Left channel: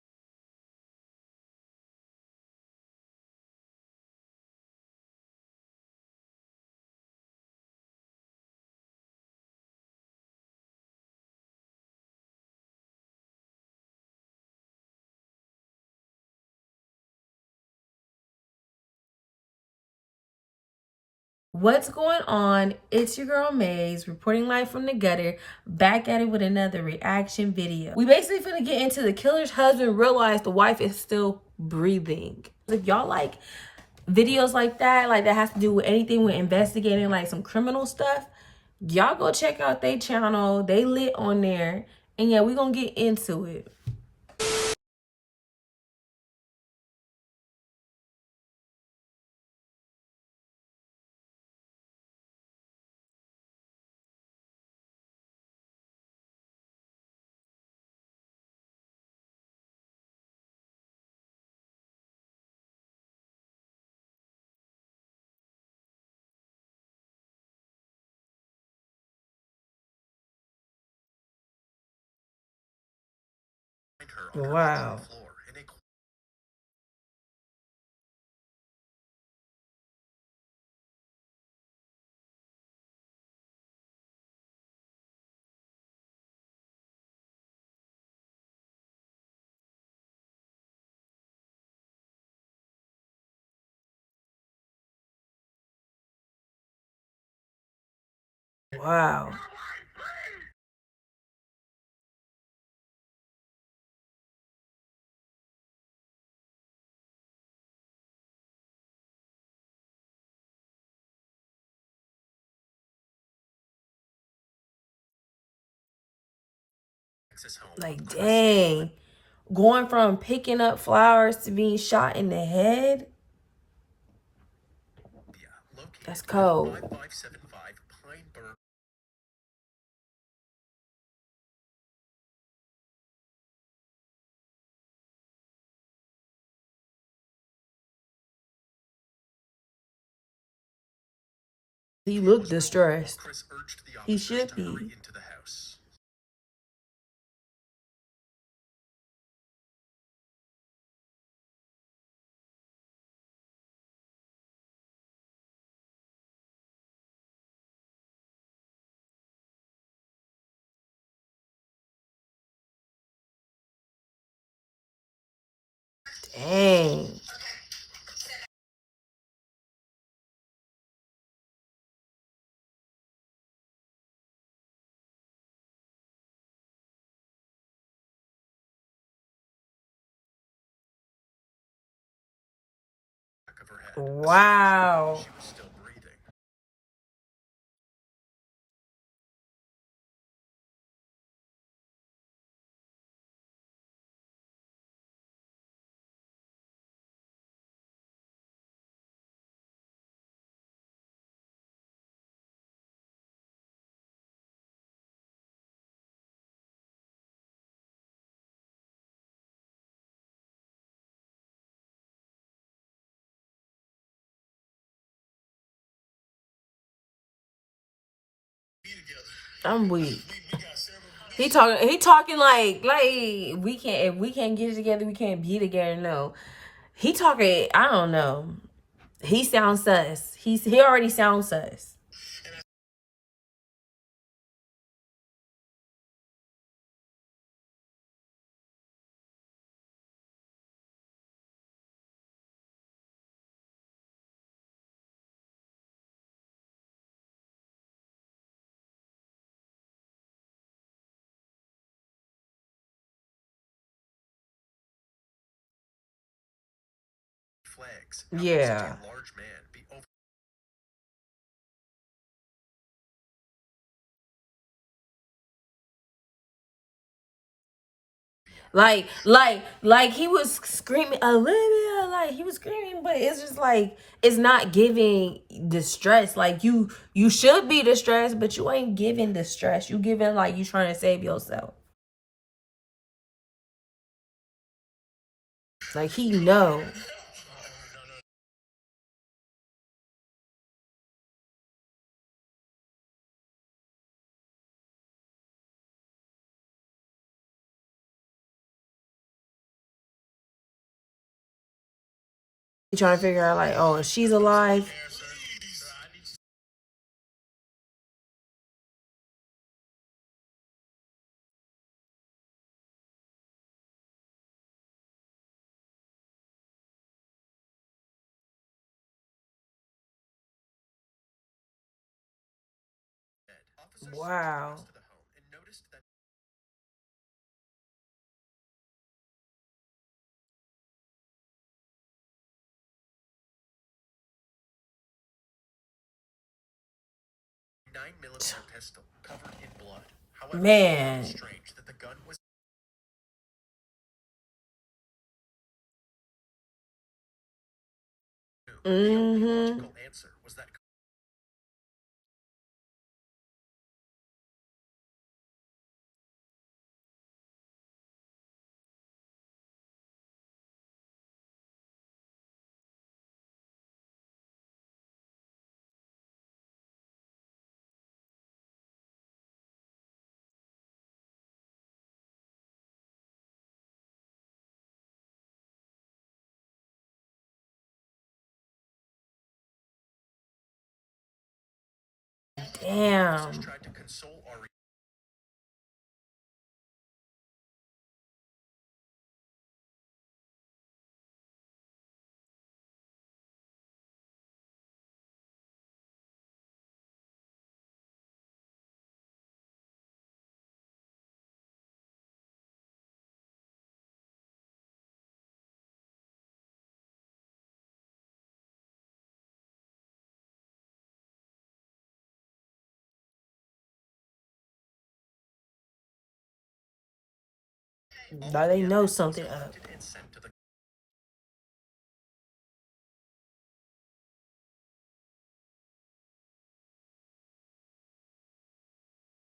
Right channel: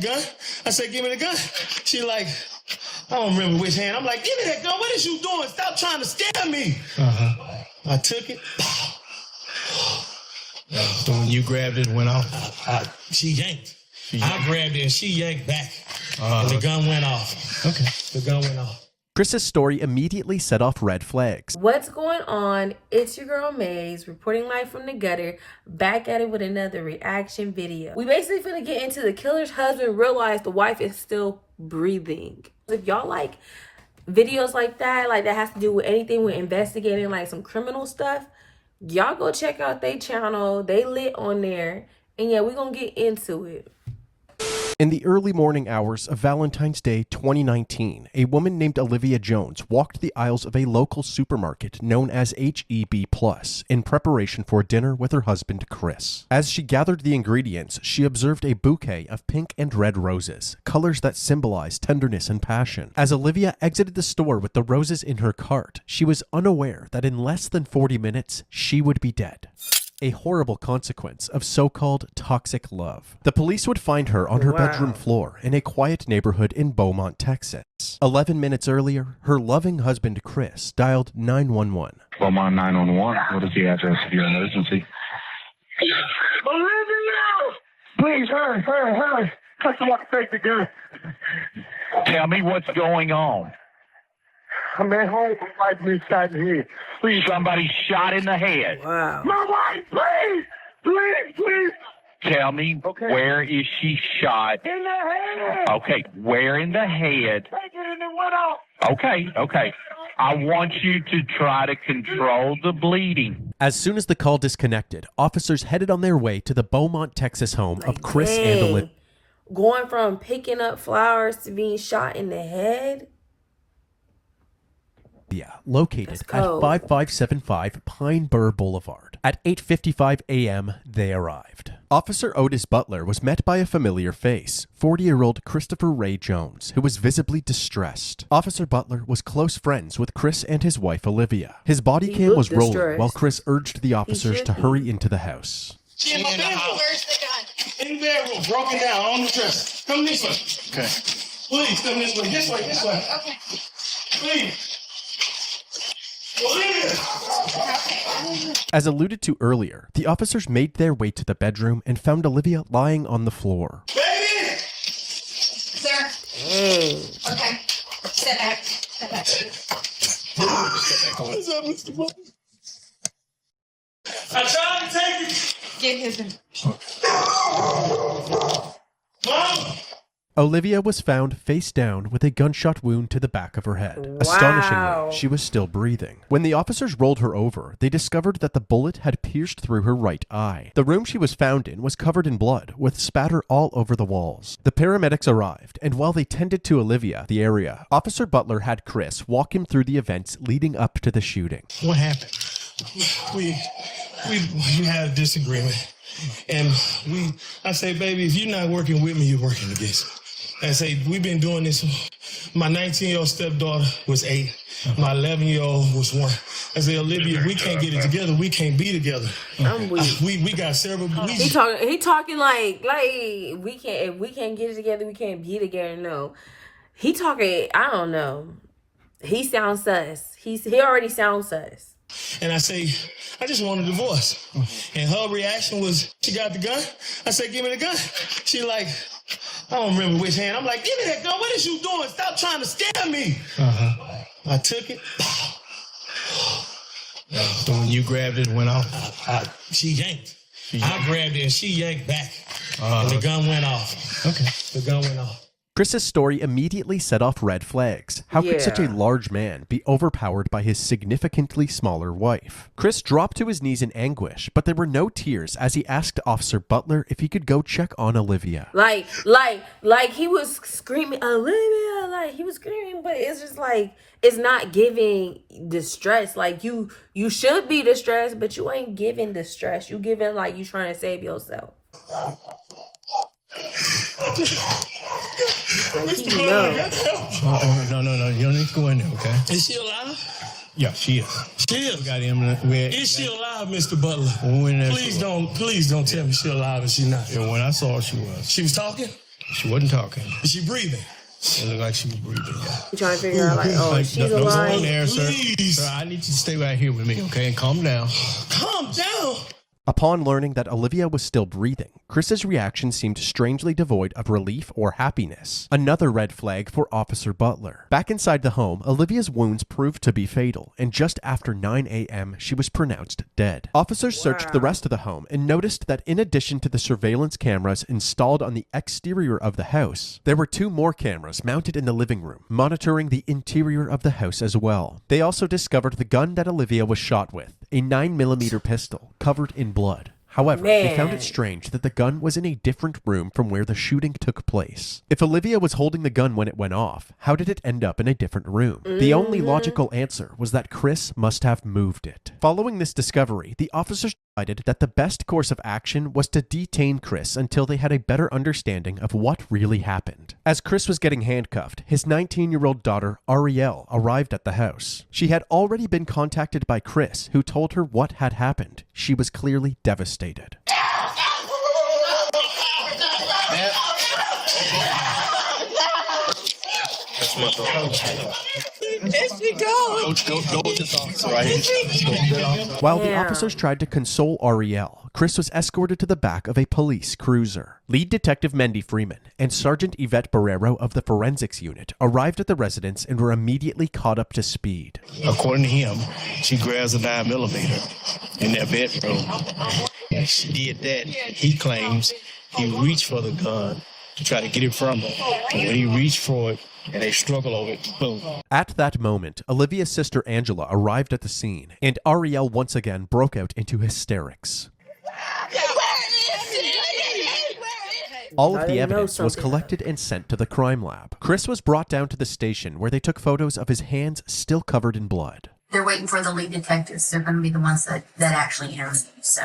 the gun. I said, give me the gun. She like, I don't remember which hand. I'm like, give me that gun. What is you doing? Stop trying to scare me. I took it. So when you grabbed it, went off? She yanked. I grabbed it and she yanked back. And the gun went off. Okay. The gun went off. Chris's story immediately set off red flags. What's going on? It's your girl Maze, reporting live from the gutter, back at it with another reaction video. We basically finna get into the killer's husband realized the wife is still breathing. If y'all like videos like that has to do with anything with investigating, like some criminal stuff, y'all go check out their channel. They lit on there. And yeah, we're gonna get into it. In the early morning hours of Valentine's Day 2019, a woman named Olivia Jones walked the aisles of a local supermarket known as HEB Plus in preparation for dinner with her husband, Chris. As she gathered the ingredients, she observed a bouquet of pink and red roses, colors that symbolize tenderness and passion. As Olivia exited the store with the roses in her cart, she was unaware that in less than 40 minutes, she would be dead. A horrible consequence of so-called toxic love. The police would find her on her bedroom floor in a quiet neighborhood in Beaumont, Texas. 11 minutes earlier, her loving husband, Chris, dialed 911. Beaumont 911, what is the address of your emergency? Olivia! Please, hurry. Someone take the gun. Tell me what's going on. I'm at home. My wife been shot in the head. Please. Somebody shot in the head. Wow. My wife, please. Tell me, where is she shot? In the head. Okay, where in the head? Take it and it went off. Okay. I want you to try to control the bleeding. As soon as the call disconnected, officers headed on their way to the Beaumont, Texas home of Chris and Olivia. Going from picking up flowers to being shot in the head? Located at 5575 Pine Bur Boulevard. At 8:55 a.m., they arrived. Officer Otis Butler was met by a familiar face, 40-year-old Christopher Ray Jones, who was visibly distressed. Officer Butler was close friends with Chris and his wife, Olivia. His body cam was rolling while Chris urged the officers to hurry into the house. She in my bedroom. Where's the gun? In the bedroom, broken down, on the dresser. Come this way. Okay. Please, come this way. This way. Okay. Please. Olivia! As alluded to earlier, the officers made their way to the bedroom and found Olivia lying on the floor. Baby! Sir. Okay. Sit back. What's up, Mr. Butler? I tried to take it. Get his. Mom! Olivia was found face down with a gunshot wound to the back of her head. Wow. Astonishingly, she was still breathing. When the officers rolled her over, they discovered that the bullet had pierced through her right eye. The room she was found in was covered in blood, with spatter all over the walls. The paramedics arrived, and while they tended to Olivia, the area, Officer Butler had Chris walk him through the events leading up to the shooting. What happened? We had a disagreement. And I say, baby, if you're not working with me, you're working against me. I say, we've been doing this. My 19-year-old stepdaughter was 8. My 11-year-old was 1. I say, Olivia, if we can't get it together, we can't be together. I'm weak. We got several. He talking like we can't, if we can't get it together, we can't be together. No, he talking. I don't know. He sounds sus. He already sounds sus. And I say, I just want a divorce. And her reaction was, she got the gun. I said, give me the gun. She like, I don't remember which hand. I'm like, give me that gun. What is you doing? Stop trying to scare me. I took it. So when you grabbed it, went off? She yanked. I grabbed it and she yanked back. And the gun went off. Okay. The gun went off. Chris's story immediately set off red flags. How could such a large man be overpowered by his significantly smaller wife? Chris dropped to his knees in anguish, but there were no tears as he asked Officer Butler if he could go check on Olivia. Like he was screaming, Olivia, like he was screaming, but it's just like, it's not giving distress. Like you should be distressed, but you ain't giving distress. You giving like you trying to save yourself. Like he know. No. You don't need to go in there, okay? Is she alive? Yeah, she is. She is. Got him. Is she alive, Mr. Butler? Please don't tell me she's alive and she's not. Yeah, when I saw her, she was. She was talking? She wasn't talking. Is she breathing? It looked like she was breathing. You trying to figure out like, oh, if she's Don't go alive. in there, sir. Please. Sir, I need you to stay right here with me, okay? And calm down. Calm down. Upon learning that Olivia was still breathing, Chris's reaction seemed strangely devoid of relief or happiness. Another red flag for Officer Butler. Back inside the home, Olivia's wounds proved to be fatal, and just after 9 a.m., she was pronounced dead. Officers searched the rest of the home and noticed that in addition to the surveillance cameras installed on the exterior of the house, there were 2 more cameras mounted in the living room, monitoring the interior of the house as well. They also discovered the gun that Olivia was shot with, a 9mm pistol covered in blood. However, they found it strange that the gun was in a different room from where the shooting took place. If Olivia was holding the gun when it went off, how did it end up in a different room? The only logical answer was that Chris must have moved it. Following this discovery, the officers decided that the best course of action was to detain Chris until they had a better understanding of what really happened. As Chris was getting handcuffed, his 19-year-old daughter, Ariel, arrived at the house. She had already been contacted by Chris, who told her what had happened. She was clearly devastated. While the officers tried to console Ariel, Chris was escorted to the back of a police cruiser. Lead Detective Mendy Freeman and Sergeant Yvette Barrero of the Forensics Unit arrived at the residence and were immediately caught up to speed. According to him, she grabs a 9mm in their bedroom. And she did that. He claims he reached for the gun to try to get it from her. And when he reached for it, and they struggle over it, boom. At that moment, Olivia's sister Angela arrived at the scene, and Ariel once again broke out into hysterics. All of the evidence was collected and sent to the crime lab. Chris was brought down to the station where they took photos of his hands still covered in blood. They're waiting for the lead detectives. They're going to be the ones that actually interview you, so.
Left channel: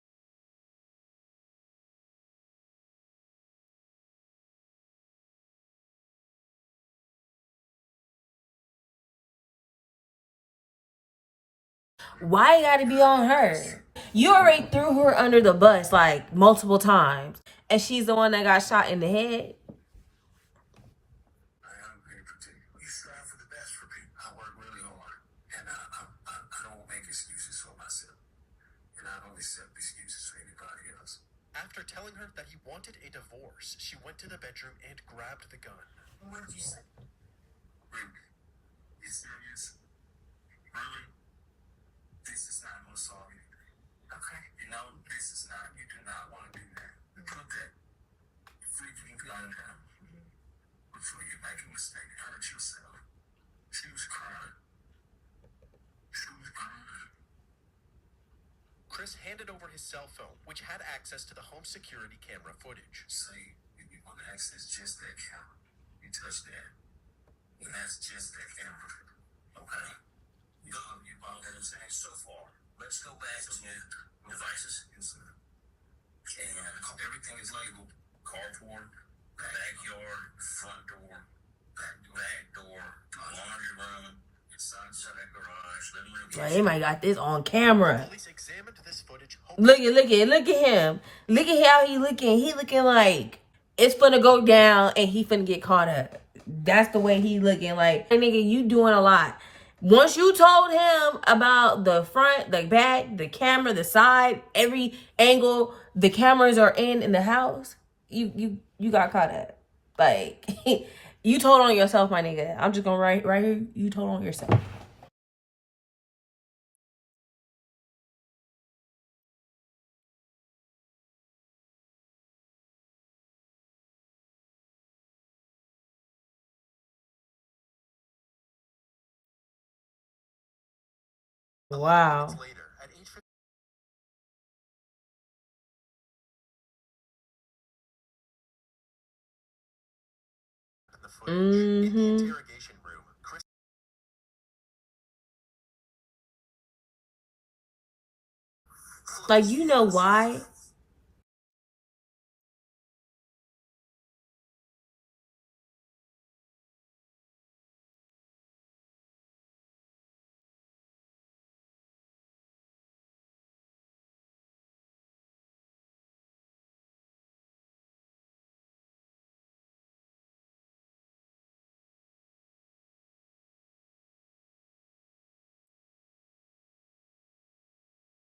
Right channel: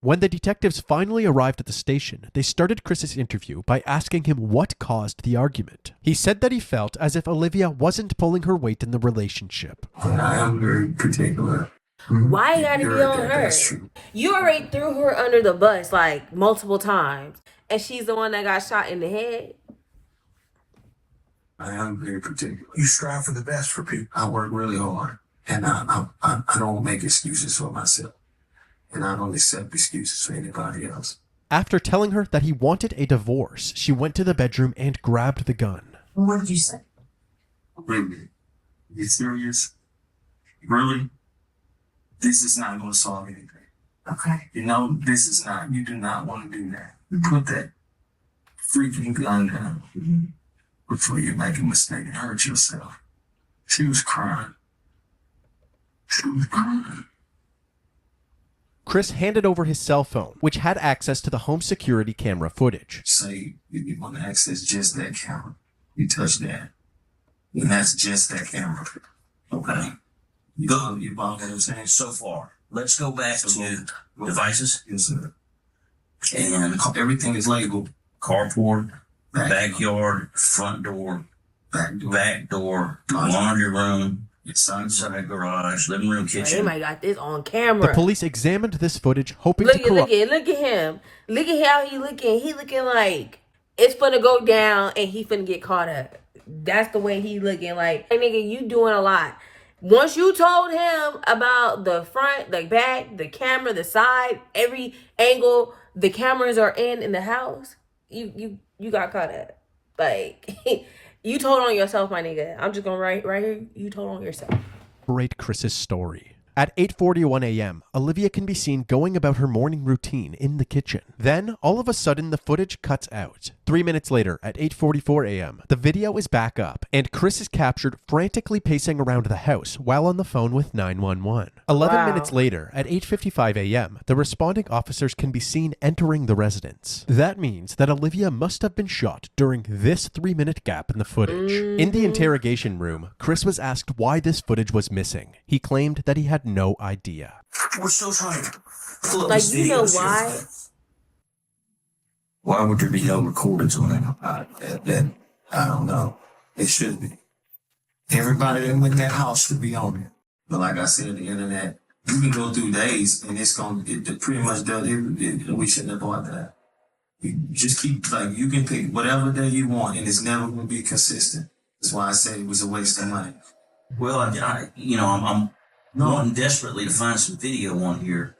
When the detectives finally arrived at the station, they started Chris's interview by asking him what caused the argument. He said that he felt as if Olivia wasn't pulling her weight in the relationship. I am very particular. Why you gotta be on her? You already threw her under the bus like multiple times, and she's the one that got shot in the head. I am very particular. You strive for the best for people. I work really hard, and I don't make excuses for myself. And I don't accept excuses for anybody else. After telling her that he wanted a divorce, she went to the bedroom and grabbed the gun. What did you say? Really? You serious? Really? This is not going to solve anything. Okay. You know, this is not, you do not want to do that. Put that freaking gun down before you make a mistake and hurt yourself. She was crying. She was crying. Chris handed over his cell phone, which had access to the home security camera footage. Say you want to access just that camera. You touch that. And that's just that camera. Okay. Go, you follow what I'm saying? So far. Let's go back to devices. Yes, sir. And everything is labeled. Carport, backyard, front door, back door, laundry room, inside garage, living room, kitchen. They might got this on camera. The police examined this footage, hoping Look to at him. Look at how he looking. He looking like it's gonna go down and he finna get caught up. That's the way he looking. Like, hey, nigga, you doing a lot. Once you told him about the front, the back, the camera, the side, every angle the cameras are in the house, you got caught up. Like, you told on yourself, my nigga. I'm just gonna write right here. You told on yourself. corroborate Chris's story. At 8:41 a.m., Olivia can be seen going about her morning routine in the kitchen. Then, all of a sudden, the footage cuts out. 3 minutes later, at 8:44 a.m., the video is back up, and Chris is captured frantically pacing around the house while on the phone with 911. 11 minutes later, at 8:55 a.m., the responding officers can be seen entering the residence. That means that Olivia must have been shot during this 3-minute gap in the footage. In the interrogation room, Chris was asked why this footage was missing. He claimed that he had no idea. We're still trying. Like, you know why? Why would there be no recordings on that? I don't know. It should be. Everybody that went in that house should be on it. But like I said, the internet, you can go through days and it's going to pretty much done. We shouldn't have bought that. You just keep, like, you can pick whatever day you want, and it's never going to be consistent. That's why I said it was a waste of money. Well, I'm wanting desperately to find some video on here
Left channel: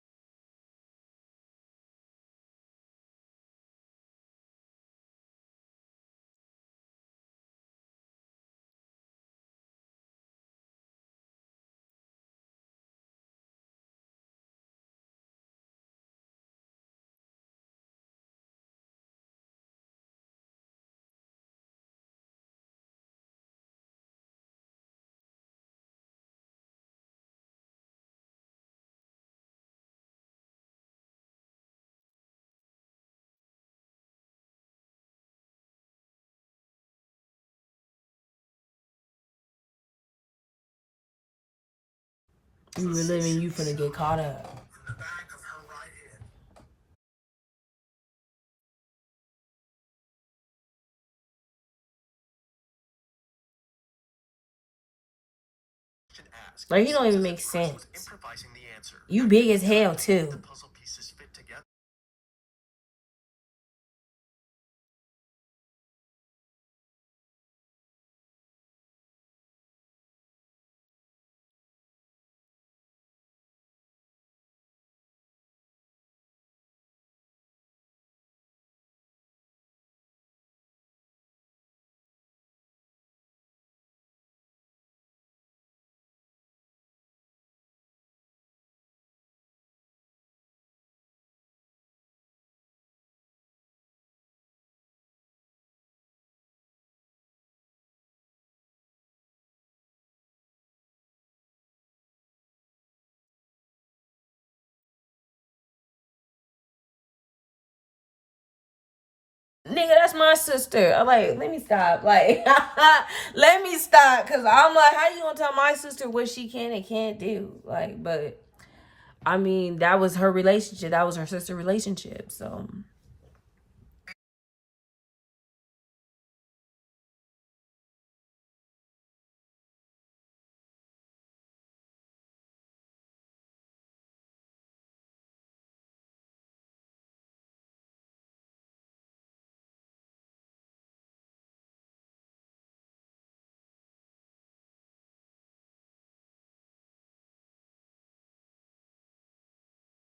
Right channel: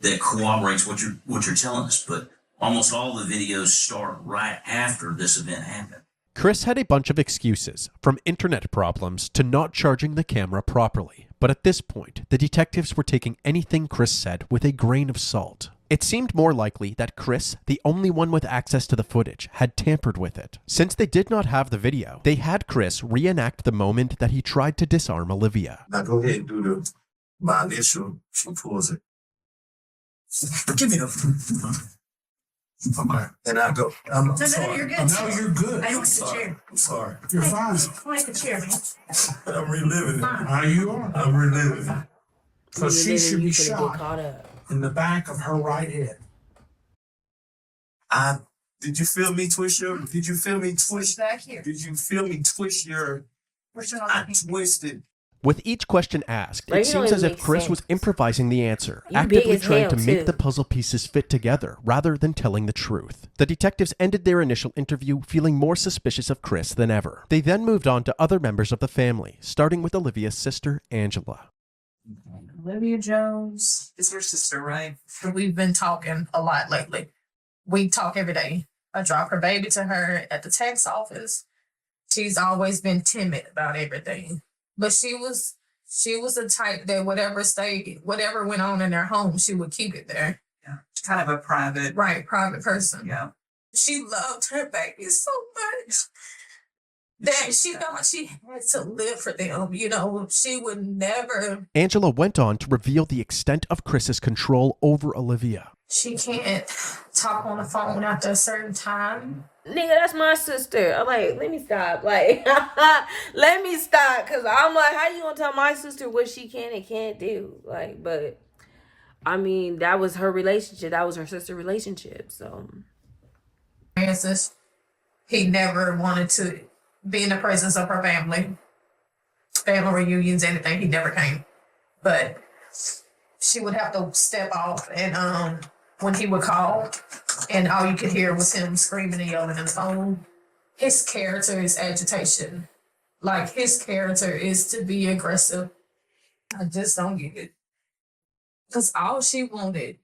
that corroborates what you're telling us, but almost all the videos start right after this event happened. Chris had a bunch of excuses, from internet problems to not charging the camera properly. But at this point, the detectives were taking anything Chris said with a grain of salt. It seemed more likely that Chris, the only one with access to the footage, had tampered with it. Since they did not have the video, they had Chris reenact the moment that he tried to disarm Olivia. Now go ahead and do my initial. She pulls it. Give me the. Okay. And I go. I'm sorry. You're good. No, you're good. I don't I'm sit sorry. chair. I'm sorry. You're fine. I like the chair, man. I'm reliving it. How you are? I'm reliving it. So she You should be finna get shot caught up. in the back of her right head. Did you feel me twist your? Did you feel me twist? Back here. Did you feel me twist your? Where's your I twisted. With each question asked, Like, it you don't seems as even if make Chris sense. was improvising the answer, You actively big as trying hell, to too. make the puzzle pieces fit together rather than telling the truth. The detectives ended their initial interview feeling more suspicious of Chris than ever. They then moved on to other members of the family, starting with Olivia's sister, Angela. Olivia Jones is your sister, right? We've been talking a lot lately. We talk every day. I drop her baby to her at the tax office. She's always been timid about everything. But she was the type that whatever went on in their home, she would keep it there. Yeah. Kind of a private. Right, private person. Yeah. She loved her baby so much that she felt like she had to live for them. You know, she would never. Angela went on to reveal the extent of Chris's control over Olivia. She can't talk on the phone after a certain time. Nigga, that's my sister. I'm like, let me stop. Like, let me stop. Because I'm like, how you going to tell my sister what she can and can't do? Like, but, I mean, that was her relationship. That was her sister relationship. So. Francis, he never wanted to be in the presence of her family. Family reunions, anything, he never came. But she would have to step off and when he would call and all you could hear was him screaming and yelling on the phone. His character is agitation. Like, his character is to be aggressive. I just don't get it. Because all she wanted,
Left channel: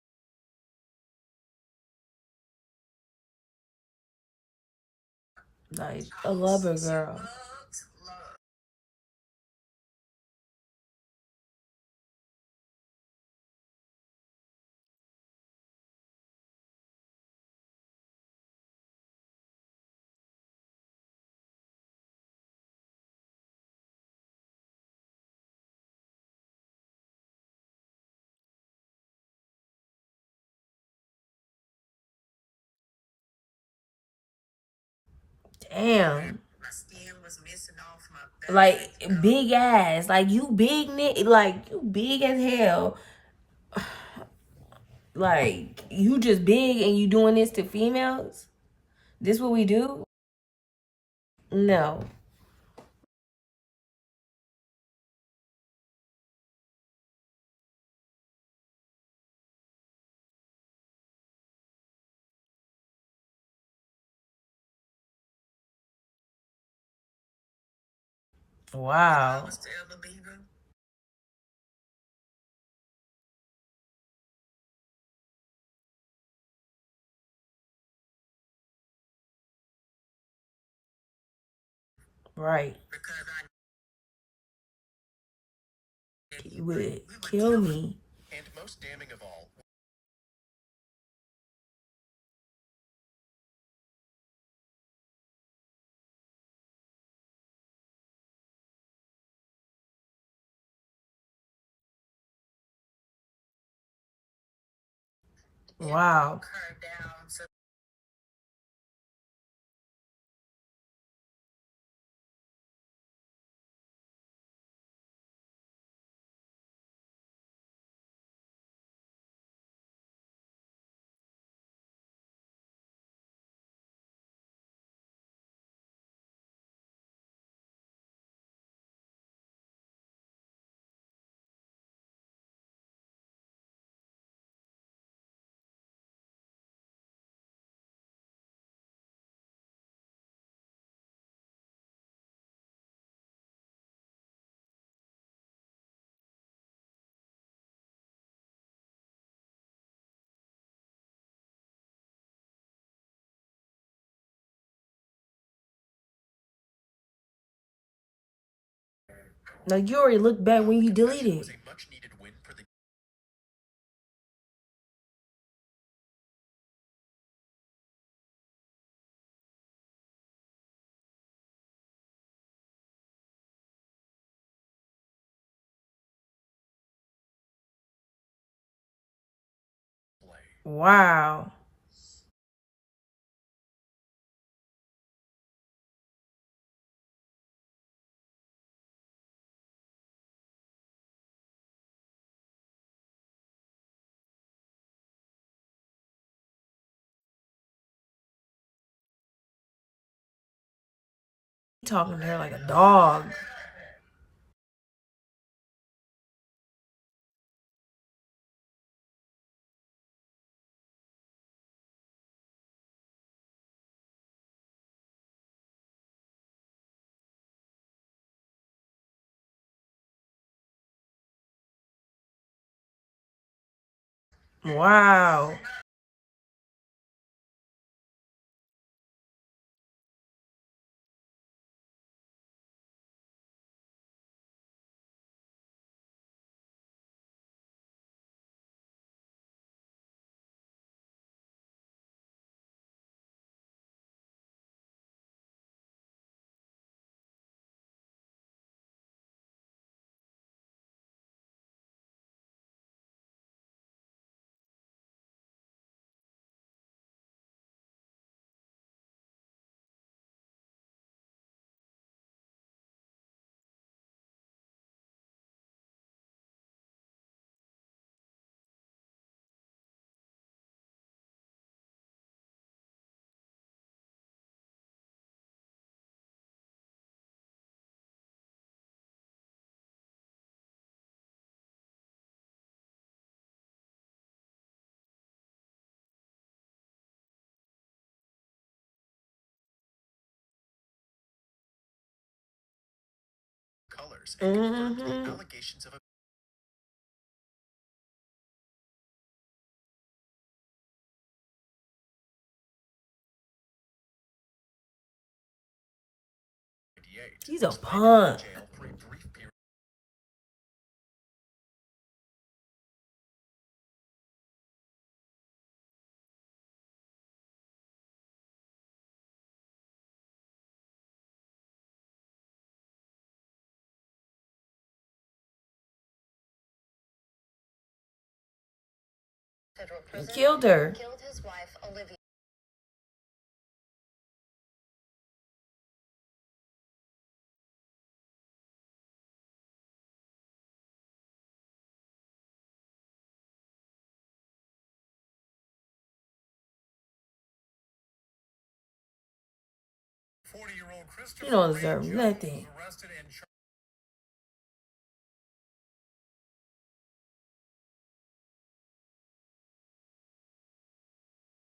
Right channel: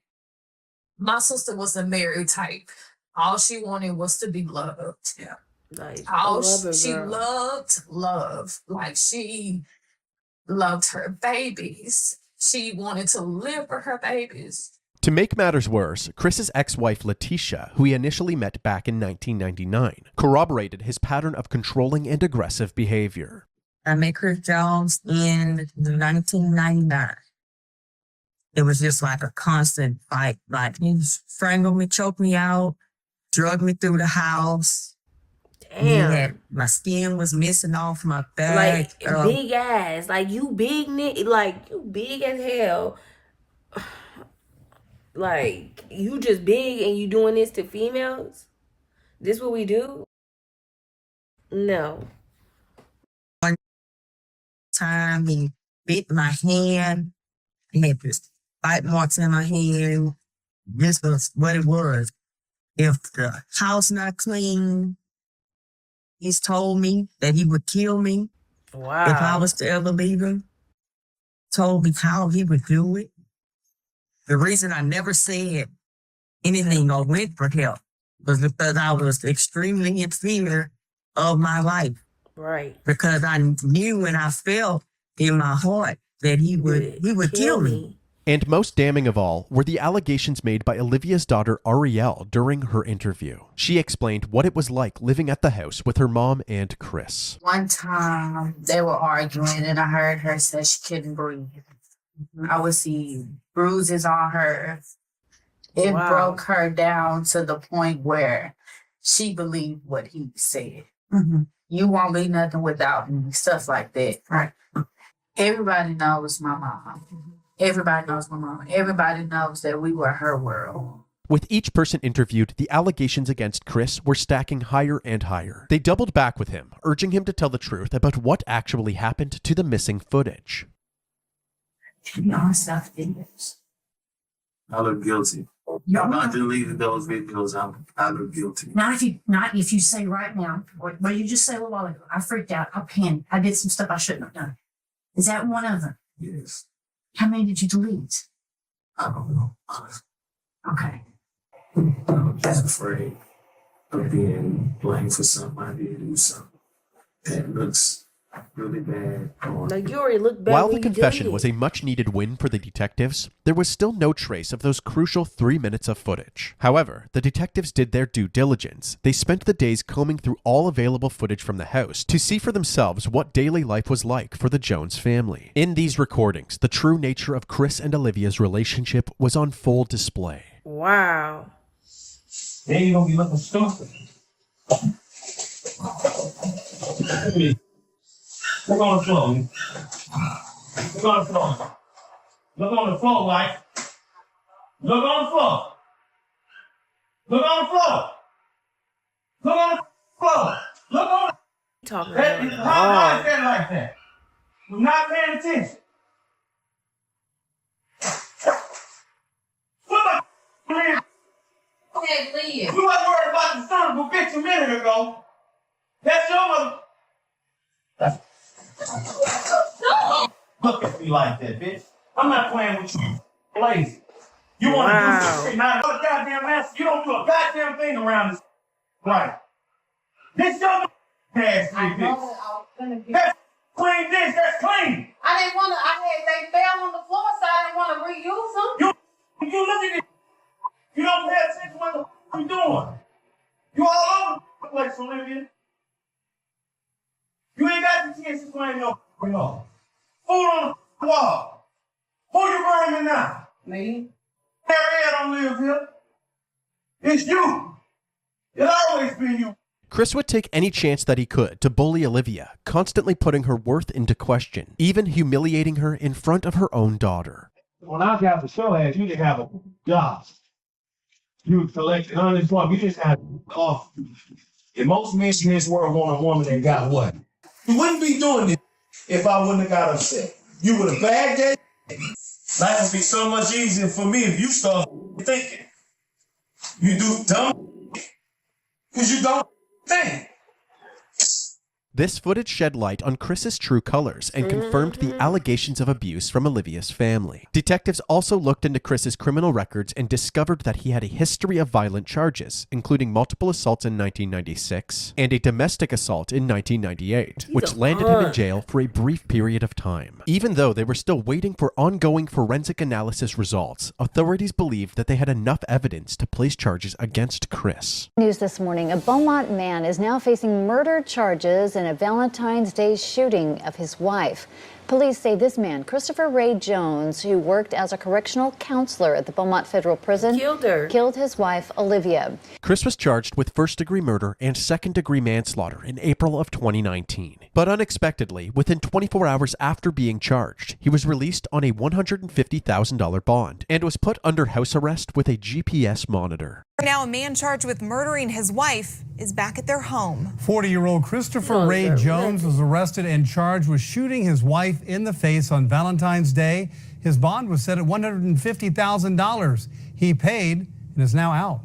my sister was a married type. All she wanted was to be loved. Yeah. Like, I love her, She girl. loved love. Like, she loved her babies. She wanted to live for her babies. To make matters worse, Chris's ex-wife Letitia, who he initially met back in 1999, corroborated his pattern of controlling and aggressive behavior. I met Chris Jones in 1999. It was just like a constant fight. Like, he strangled me, choked me out, drugged me through the house. Damn. Yeah, my skin was missing off my back. Like, big ass. Like, you big, like, you big as hell. Like, you just big and you doing this to females? This what we do? No. One time he bit my hand. He had this bite marks in my hand. This was what it was. If the house not clean, he's told me that he would kill me. Wow. If I was to ever leave him. Told me how he would do it. The reason I never said anything or went for help was because I was extremely in fear of my life. Right. Because I knew and I felt in my heart that he would kill me. And most damning of all were the allegations made by Olivia's daughter Arielle during her interview. She explained what it was like living at the house with her mom and Chris. One time they were arguing and I heard her say she couldn't breathe. I would see bruises on her. It broke her down to the point where she believed what he said. Mm-hmm. You won't be nothing without me, stuff like that. Right. Everybody knows my mom. Everybody knows my mom. Everybody knows that we were her world. With each person interviewed, the allegations against Chris were stacking higher and higher. They doubled back with him, urging him to tell the truth about what actually happened to the missing footage. To be honest, I think I look guilty. Not deleting those videos. I'm guilty. Not if you say right now, what you just said a little while ago. I freaked out. I panicked. I did some stuff I shouldn't have done. Is that one of them? Yes. How many did you delete? I don't know. Okay. I'm just afraid of being blamed for something I did do something that looks really bad. No, you already looked bad While when the you confession deleted. was a much-needed win for the detectives, there was still no trace of those crucial 3 minutes of footage. However, the detectives did their due diligence. They spent the days combing through all available footage from the house to see for themselves what daily life was like for the Jones family. In these recordings, the true nature of Chris and Olivia's relationship was on full display. Wow. Then you're gonna be looking stupid. Look on the floor. Look on the floor. Look on the floor, wife. Look on the floor. Look on the floor. Look on the floor. Look on the Talking floor. about How is that like that? We're not paying attention. What the Liz? Hey, Liz. You wasn't worried about the son of a bitch a minute ago. That's your mother. Look at me like that, bitch. I'm not playing with you. Lazy. You want to do this not a goddamn mess. You don't do a goddamn thing around this. Right. This your ass, bitch. That's clean dish. That's clean. I didn't want to. They fell on the floor, so I didn't want to reuse them. You look at it. You don't pay attention to what the f you doing. You all over the place, Olivia. You ain't got the chance to claim no f***ing law. Food on the wall. Who you burning now? Me. Harriet don't live here. It's you. It's always been you. Chris would take any chance that he could to bully Olivia, constantly putting her worth into question, even humiliating her in front of her own daughter. When I got the show ass, you didn't have a job. You collected unemployment. You just had off. And most men in this world want a woman that got what? You wouldn't be doing this if I wouldn't have got upset. You would have bagged that. Life would be so much easier for me if you start thinking. You do dumb because you don't think. This footage shed light on Chris's true colors and confirmed the allegations of abuse from Olivia's family. Detectives also looked into Chris's criminal records and discovered that he had a history of violent charges, including multiple assaults in 1996 and a domestic assault in 1998, which landed him in jail for a brief period of time. Even though they were still waiting for ongoing forensic analysis results, authorities believed that they had enough evidence to place charges against Chris. News this morning, a Beaumont man is now facing murder charges in a Valentine's Day shooting of his wife. Police say this man, Christopher Ray Jones, who worked as a correctional counselor at the Beaumont Federal Prison, killed his wife, Olivia. Chris was charged with first-degree murder and second-degree manslaughter in April of 2019. But unexpectedly, within 24 hours after being charged, he was released on a $150,000 bond and was put under house arrest with a GPS monitor. Now a man charged with murdering his wife is back at their home. 40-year-old Christopher Ray Jones was arrested and charged with shooting his wife in the face on Valentine's Day. His bond was set at $150,000. He paid and is now out.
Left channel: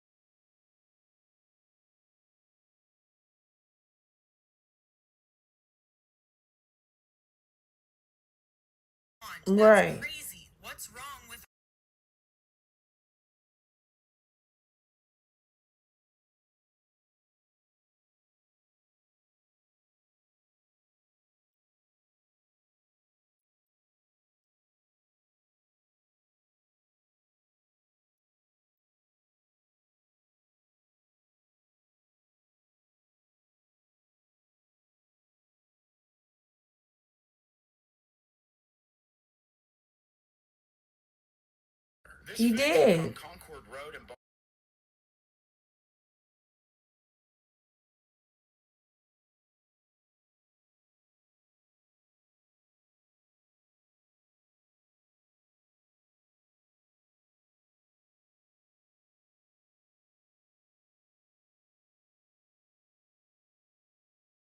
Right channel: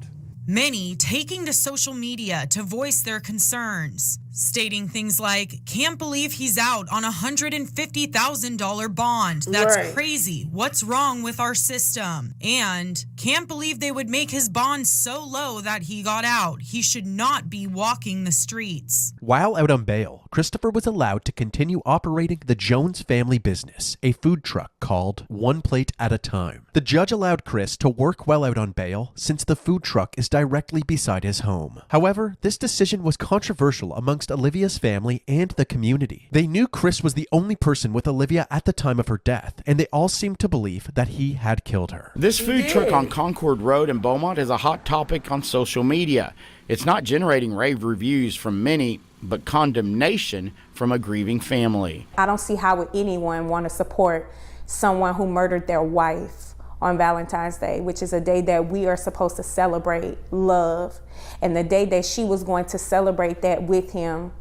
Many taking to social media to voice their concerns, stating things like, can't believe he's out on a $150,000 bond. That's crazy. What's wrong with our system? And can't believe they would make his bond so low that he got out. He should not be walking the streets. While out on bail, Christopher was allowed to continue operating the Jones family business, a food truck called One Plate at a Time. The judge allowed Chris to work while out on bail since the food truck is directly beside his home. However, this decision was controversial amongst Olivia's family and the community. They knew Chris was the only person with Olivia at the time of her death, and they all seemed to believe that he had killed her. This food truck on Concord Road in Beaumont is a hot topic on social media. It's not generating rave reviews from many, but condemnation from a grieving family. I don't see how would anyone want to support someone who murdered their wife on Valentine's Day, which is a day that we are supposed to celebrate love. And the day that she was going to celebrate that with him,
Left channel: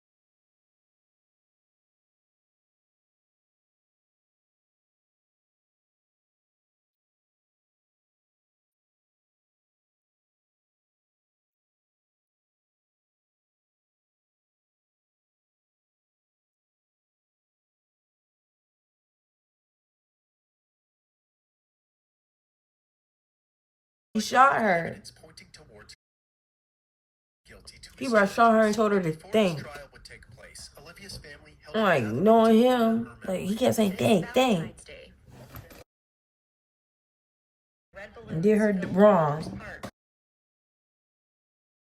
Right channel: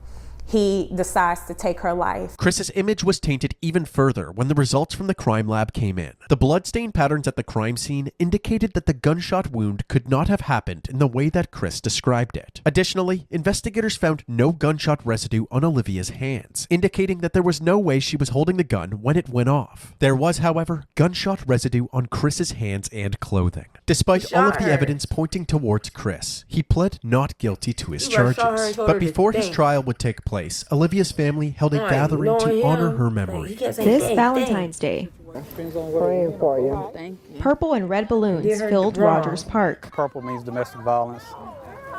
he decides to take her life. Chris's image was tainted even further when the results from the crime lab came in. The bloodstain patterns at the crime scene indicated that the gunshot wound could not have happened in the way that Chris described it. Additionally, investigators found no gunshot residue on Olivia's hands, indicating that there was no way she was holding the gun when it went off. There was, however, gunshot residue on Chris's hands and clothing. Despite all of the evidence pointing towards Chris, he pled not guilty to his charges. But before his trial would take place, Olivia's family held a gathering to honor her memory. This Valentine's Day, Praying for you. purple and red balloons filled Rogers Park. Purple means domestic violence,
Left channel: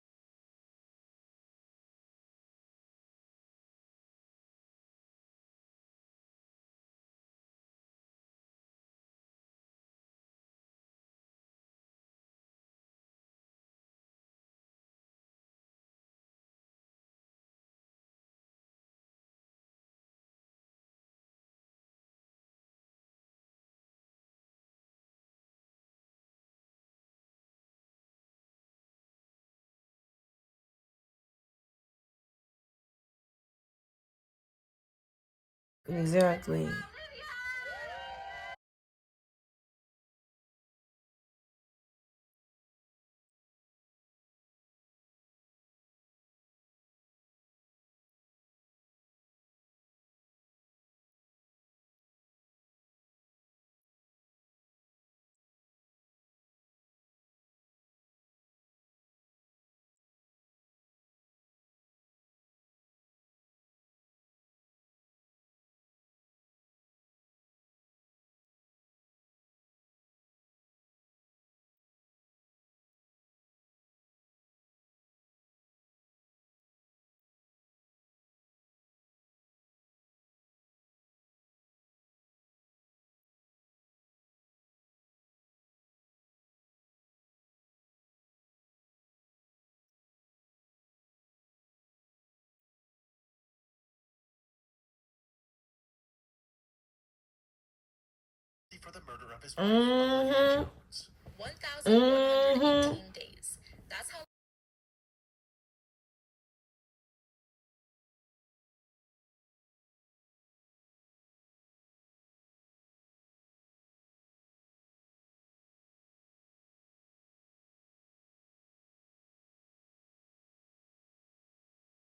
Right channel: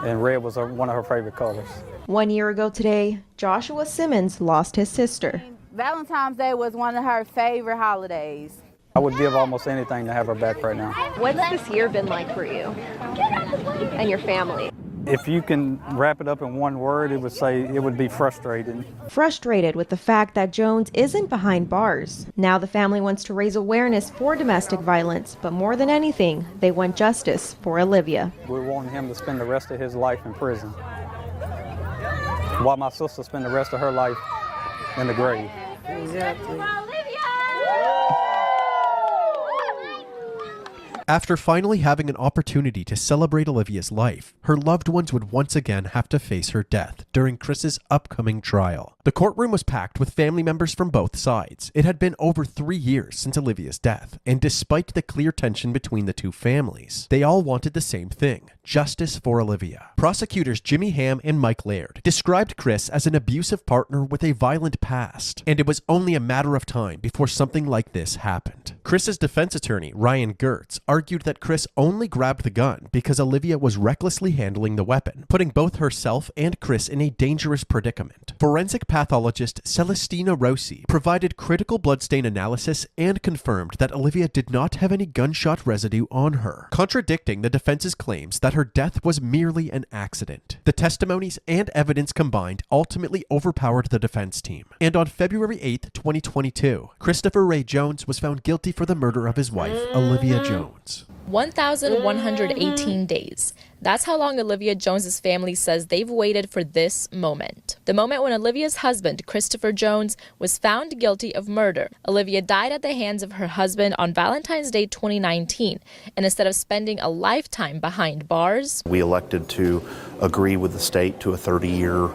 and red was one of her favorite colors. 1 year ago today, Joshua Simmons lost his sister. Valentine's Day was one of her favorite holidays. I would give almost anything to have her back right now. What's this year been like for you and your family? If you can wrap it up in one word, it would be frustrating. Frustrated with the fact that Jones isn't behind bars. Now the family wants to raise awareness for domestic violence, but more than anything, they want justice for Olivia. We're wanting him to spend the rest of his life in prison, while my sister spent the rest of her life in the grave. Exactly. After finally having an opportunity to celebrate Olivia's life, her loved ones would once again have to face her death during Chris's upcoming trial. The courtroom was packed with family members from both sides. It had been over 3 years since Olivia's death, and despite the clear tension between the two families, they all wanted the same thing: justice for Olivia. Prosecutors Jimmy Ham and Mike Laird described Chris as an abusive partner with a violent past, and it was only a matter of time before something like this happened. Chris's defense attorney, Ryan Gertz, argued that Chris only grabbed the gun because Olivia was recklessly handling the weapon, putting both herself and Chris in a dangerous predicament. Forensic pathologist Celestina Rossi provided critical bloodstain analysis and confirmed that Olivia did not have any gunshot residue on her, contradicting the defense's claims that her death was merely an accident. The testimonies and evidence combined ultimately overpowered the defense team, and on February 8, 2022, Christopher Ray Jones was found guilty for the murder of his wife, Olivia Jones. 1,118 days. That's how long Olivia Jones's family says they've waited for this moment. The moment when Olivia's husband, Christopher Jones, was found guilty of murder. Olivia died at the hands of her husband on Valentine's Day 2019, and instead of spending a lifetime behind bars, we elected to agree with the state to a 30-year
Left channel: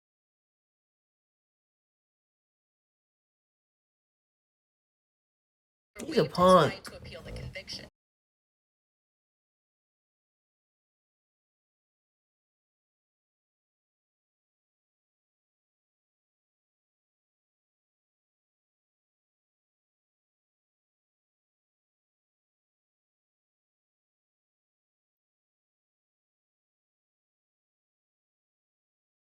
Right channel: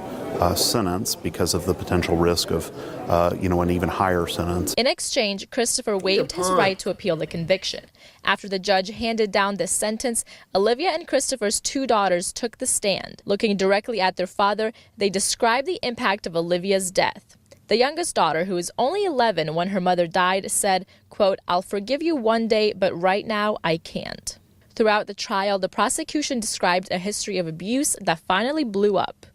sentence because of the potential risk of, an even higher sentence. In exchange, Christopher waived his right to appeal the conviction. After the judge handed down this sentence, Olivia and Christopher's 2 daughters took the stand. Looking directly at their father, they described the impact of Olivia's death. The youngest daughter, who was only 11 when her mother died, said, quote, "I'll forgive you one day, but right now I can't." Throughout the trial, the prosecution described a history of abuse that finally blew up.